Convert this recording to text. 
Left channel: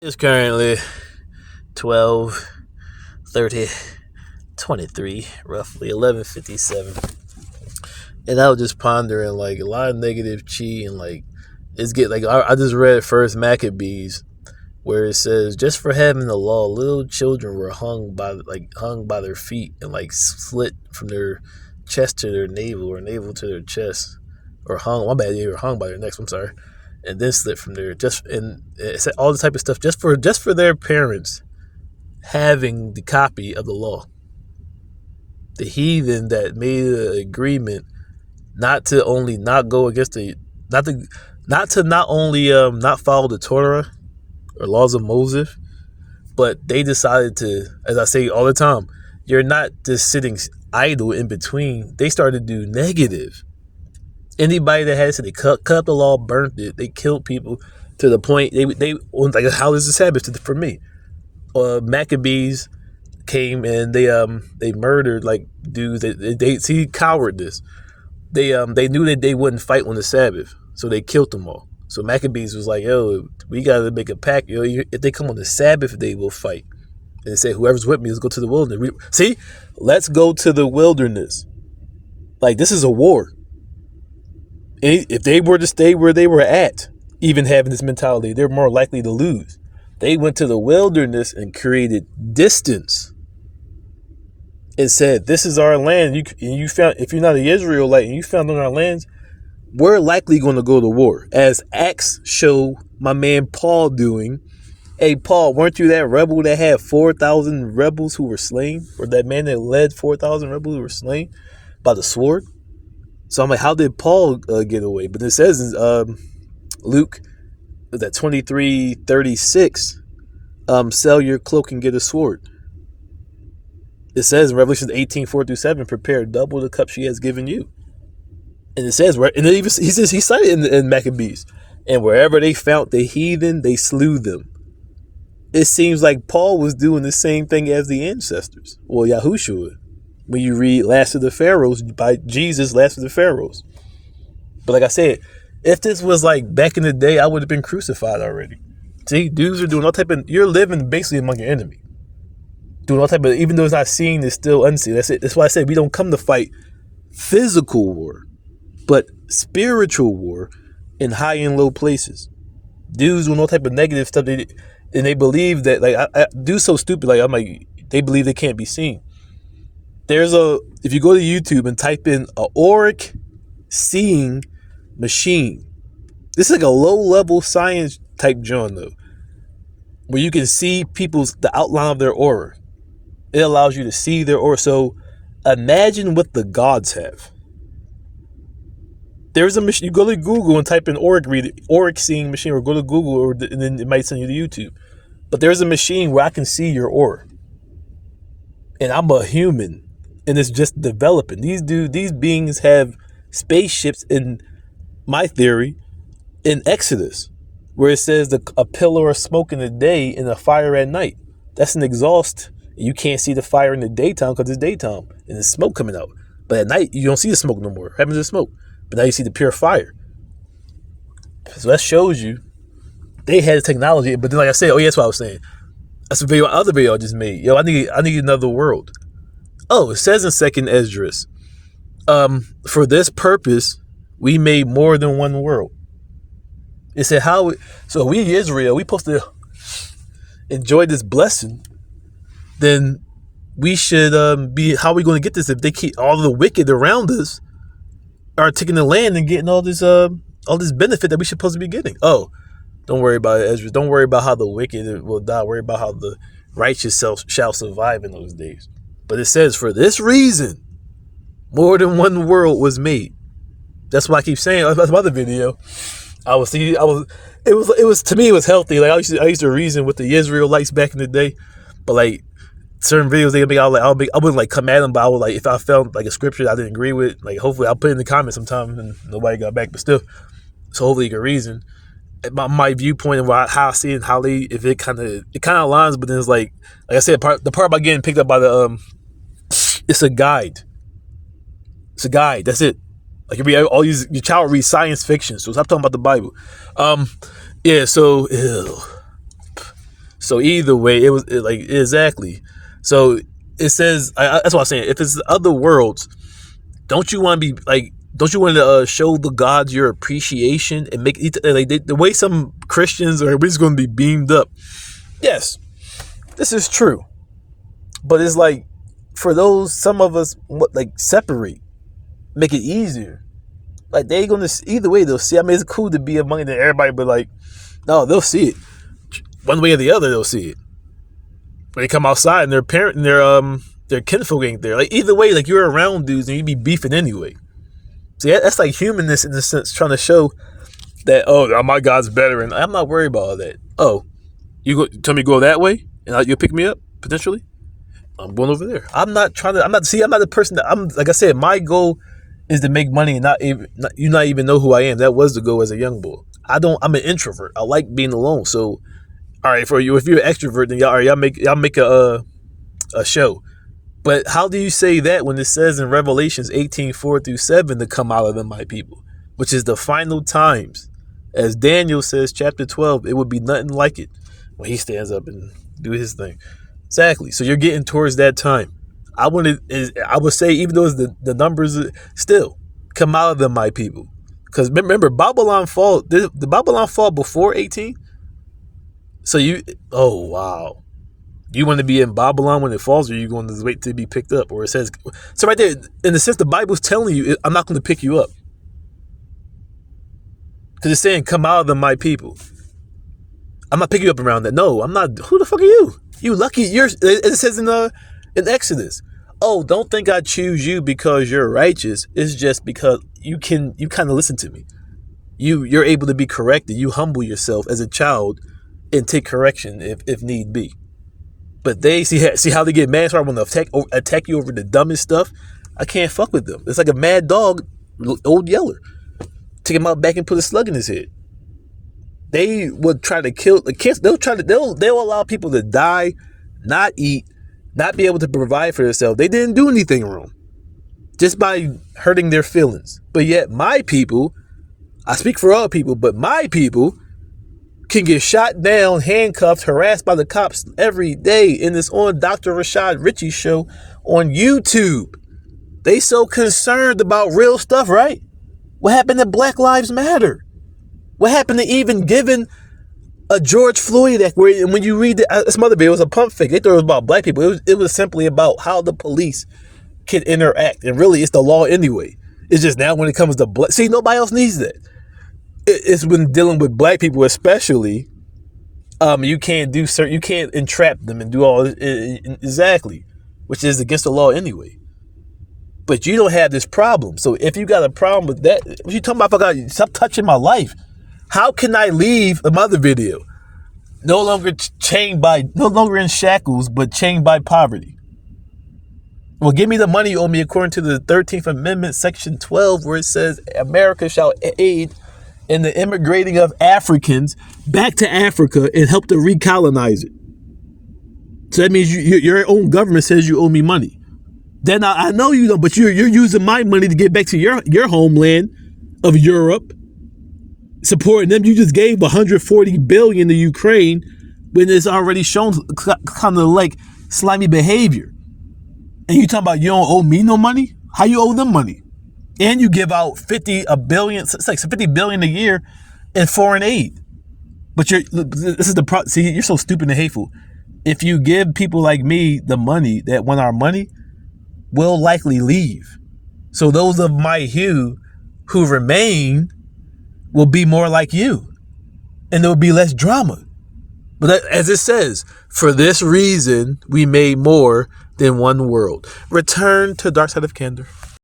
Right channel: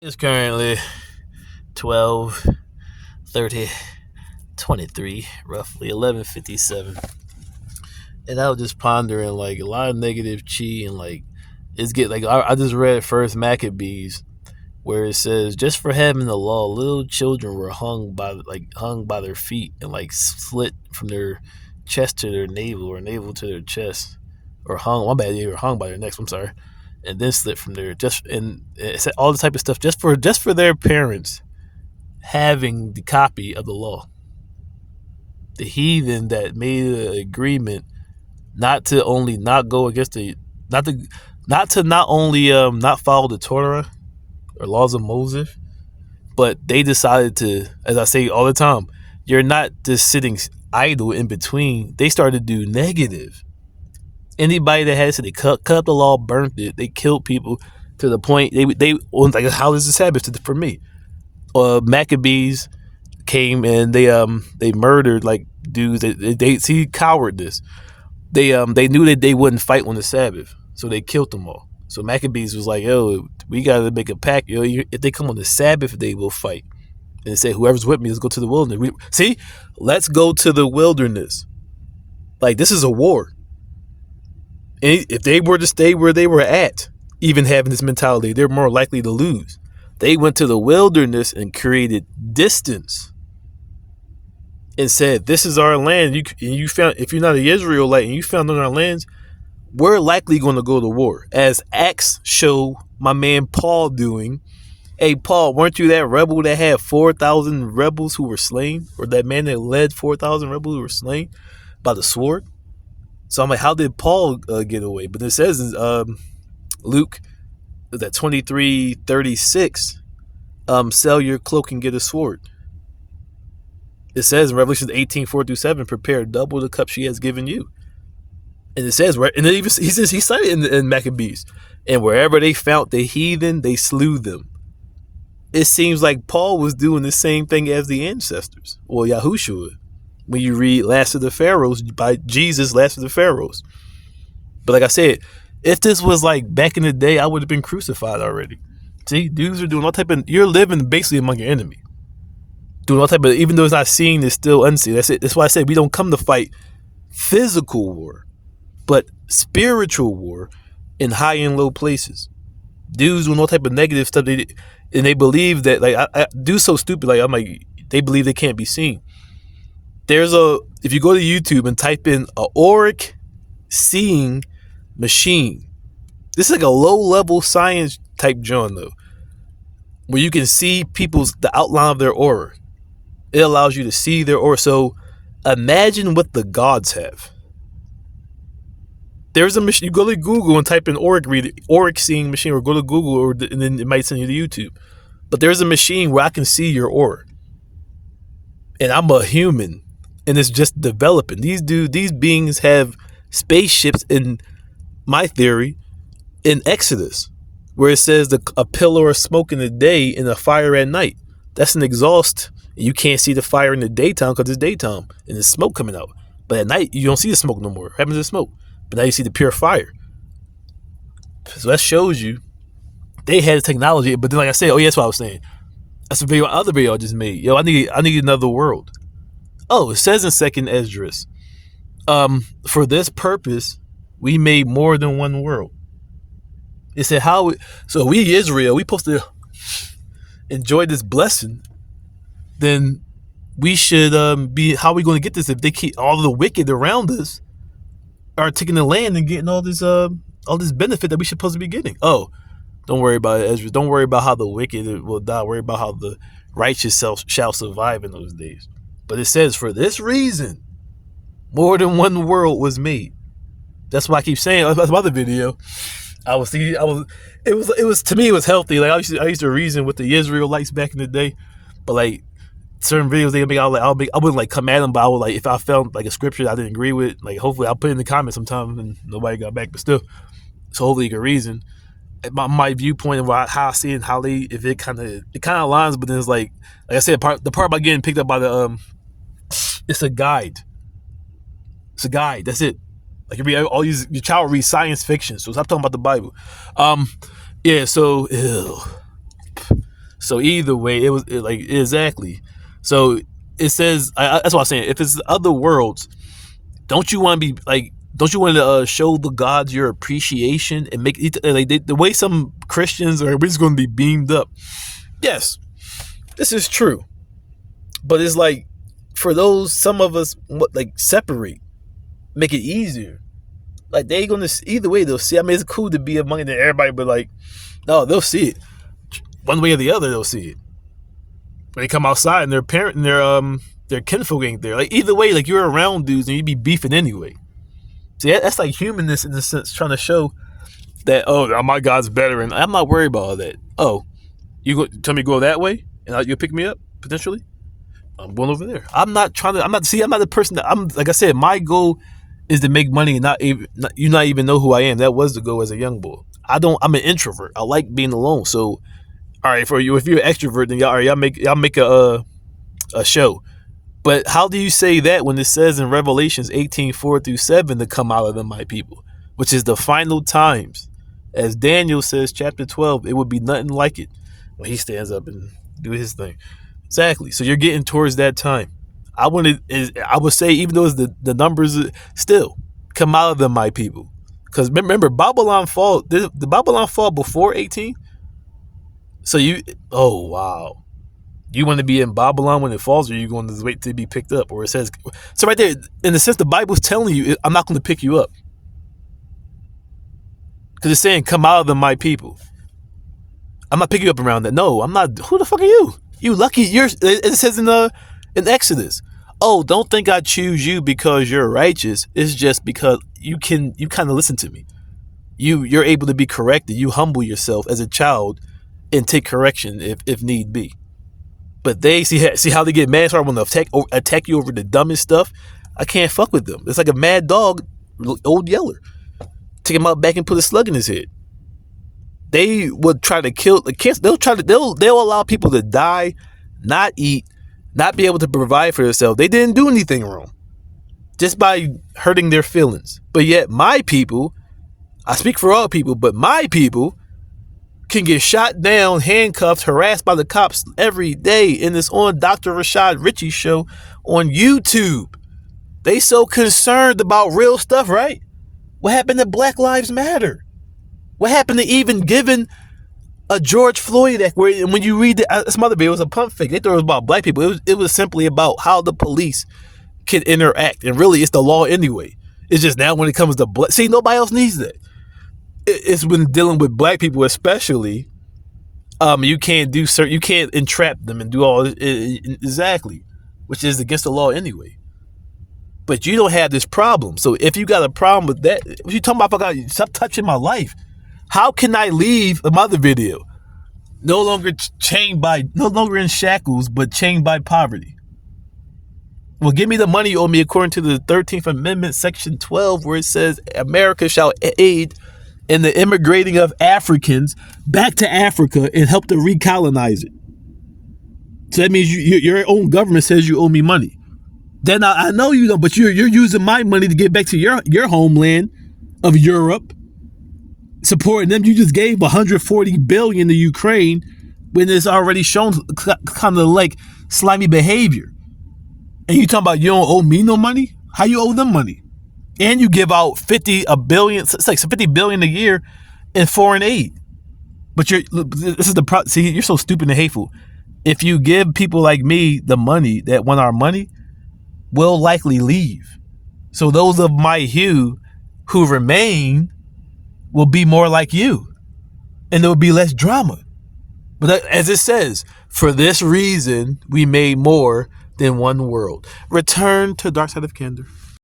It's currently 12:30, roughly 11:57. And I was just pondering like a lot of negative chi and like I just read first Maccabees where it says just for having the law, little children were hung by their feet and like slit from their chest to their navel or navel to their chest, or hung. My bad, they were hung by their necks. I'm sorry, and then slit from there. And it said all the type of stuff just for their parents having the copy of the law. The heathen that made an agreement not to only not go against the not only not follow the Torah or laws of Moses, but they decided to, as I say all the time, you're not just sitting idle in between. They started to do negative. Anybody that had said they cut the law, burnt it, they killed people to the point they like, how is the Sabbath for me? Maccabees came and they murdered like dudes. They see cowardice. They knew that they wouldn't fight on the Sabbath, so they killed them all. So Maccabees was like, yo, we gotta make a pact. Yo, if they come on the Sabbath, they will fight. And they said, whoever's with me, let's go to the wilderness. See, let's go to the wilderness. Like, this is a war. And if they were to stay where they were at, even having this mentality, they're more likely to lose. They went to the wilderness and created distance and said, this is our land. You found, if you're not an Israelite and you found on our lands, we're likely going to go to war. As Acts show my man Paul doing. Hey, Paul, weren't you that rebel that had 4,000 rebels who were slain? Or that man that led 4,000 rebels who were slain by the sword? So I'm like, how did Paul get away? But it says in Luke, that 23:36, sell your cloak and get a sword. It says in Revelation 18:4-7, prepare double the cup she has given you. And it says, and it even, he cited in Maccabees, and wherever they found the heathen, they slew them. It seems like Paul was doing the same thing as the ancestors. Well, Yahushua, when you read Last of the Pharaohs by Jesus, Last of the Pharaohs. But like I said, if this was like back in the day, I would have been crucified already. See, dudes are doing all type of, you're living basically among your enemy. Doing all type of, even though it's not seen, it's still unseen. That's it. That's why I said we don't come to fight physical war, but spiritual war in high and low places. Dudes doing all type of negative stuff, and they believe that, like, I do so stupid, like, I'm like, they believe they can't be seen. If you go to YouTube and type in a auric seeing machine, this is like a low-level science type John, though, where you can see the outline of their aura. It allows you to see their aura. So imagine what the gods have. There's a machine. You go to Google and type in auric seeing machine, or go to Google, and then it might send you to YouTube. But there's a machine where I can see your aura, and I'm a human, and it's just developing. These beings have spaceships, in my theory, in Exodus, where it says a pillar of smoke in the day and a fire at night. That's an exhaust. You can't see the fire in the daytime because it's daytime and there's smoke coming out. But at night, you don't see the smoke no more. What happens to the smoke? But now you see the pure fire. So that shows you they had the technology. But then, like I said, that's what I was saying. That's the other video I just made. Yo, I need another world. Oh, it says in 2nd Esdras, for this purpose, we made more than one world. It said so we Israel, we supposed to enjoy this blessing. Then we should be, how are we going to get this if they keep all the wicked around us are taking the land and getting all this benefit that we supposed to be getting? Oh, don't worry about it, Ezra. Don't worry about how the wicked will die. Worry about how the righteous shall survive in those days. But it says, for this reason, more than one world was made. That's why I keep saying. That's my other video. It was to me, it was healthy. Like I used to reason with the Israelites back in the day, but like certain videos they make, I wouldn't like come at them, but I would, like, if I found like a scripture I didn't agree with, like, hopefully I'll put it in the comments sometime, and nobody got back, but still, so hopefully you can reason my viewpoint and how I see it, and if it kind of aligns. But then it's like I said, the part about getting picked up by the it's a guide. It's a guide. That's it. Like, your child reads science fiction, so stop talking about the Bible. Yeah. So, ew. So either way, like exactly. So it says that's what I'm saying. If it's other worlds, don't you want to be like? Don't you want to show the gods your appreciation and make it like the way some Christians are always going to be beamed up? Yes, this is true, but it's like for those some of us like separate, make it easier. Like they gonna either way they'll see. I mean, it's cool to be among everybody, but like no, they'll see it one way or the other. They'll see it. When they come outside and their parent and their kinfolk ain't there. Like either way, like you're around dudes and you be beefing anyway. See, that's like humanness in a sense, trying to show that my God's better, and I'm not worried about all that. Oh, tell me to go that way, and you'll pick me up potentially. I'm going over there. I'm not the person that I'm. Like I said, my goal is to make money and not even know who I am. That was the goal as a young boy. I'm an introvert. I like being alone. So, all right, for you, if you're an extrovert, then y'all make a show. But how do you say that when it says in Revelations 18:4-7 to come out of them, my people, which is the final times, as Daniel says, chapter 12, it would be nothing like it when he stands up and do his thing. Exactly. So you're getting towards that time. I would say, even though the numbers still come out of them, my people, because remember Babylon fall. The Babylon fall before 18. So oh wow. You want to be in Babylon when it falls, or are you going to wait to be picked up? Or it says, so right there, in the sense, the Bible's telling you, I'm not going to pick you up. Because it's saying, come out of them, my people. I'm not picking you up around that. No, I'm not. Who the fuck are you? You lucky. It says in Exodus, oh, don't think I choose you because you're righteous. It's just because you kind of listen to me. You're able to be corrected. You humble yourself as a child and take correction if need be. But they see how they get mad. So I want to attack you over the dumbest stuff. I can't fuck with them. It's like a mad dog, old Yeller. Take him out back and put a slug in his head. They would try to kill the kids. They'll allow people to die, not eat, not be able to provide for themselves. They didn't do anything wrong, just by hurting their feelings. But yet my people, I speak for all people, but my people can get shot down, handcuffed, harassed by the cops every day. And it's on Dr. Rashad Ritchie's show on YouTube. They so concerned about real stuff, right? What happened to Black Lives Matter? What happened to even giving a George Floyd Act, where when you read some other video, it was a pump fake. They thought it was about black people. It was simply about how the police can interact. And really, it's the law anyway. It's just now when it comes to black. See, nobody else needs that. It's when dealing with black people, especially. You can't entrap them and do all this, exactly, which is against the law anyway. But you don't have this problem. So if you got a problem with that, what you talking about? Stop touching my life. How can I leave another video? No longer in shackles, but chained by poverty. Well, give me the money you owe me according to the 13th Amendment, Section 12, where it says America shall aid in the immigrating of Africans back to Africa and help to recolonize it. So that means your own government says you owe me money. Then I know you don't, but you're using my money to get back to your homeland of Europe, supporting them. You just gave $140 billion to Ukraine when it's already shown kind of like slimy behavior. And you talking about you don't owe me no money? How you owe them money? And you give out $50 billion a year in foreign aid. But this is the problem. See, you're so stupid and hateful. If you give people like me the money that want our money, we'll likely leave. So those of my hue who remain will be more like you. And there will be less drama. But as it says, for this reason, we made more than one world. Return to Dark Side of Candor.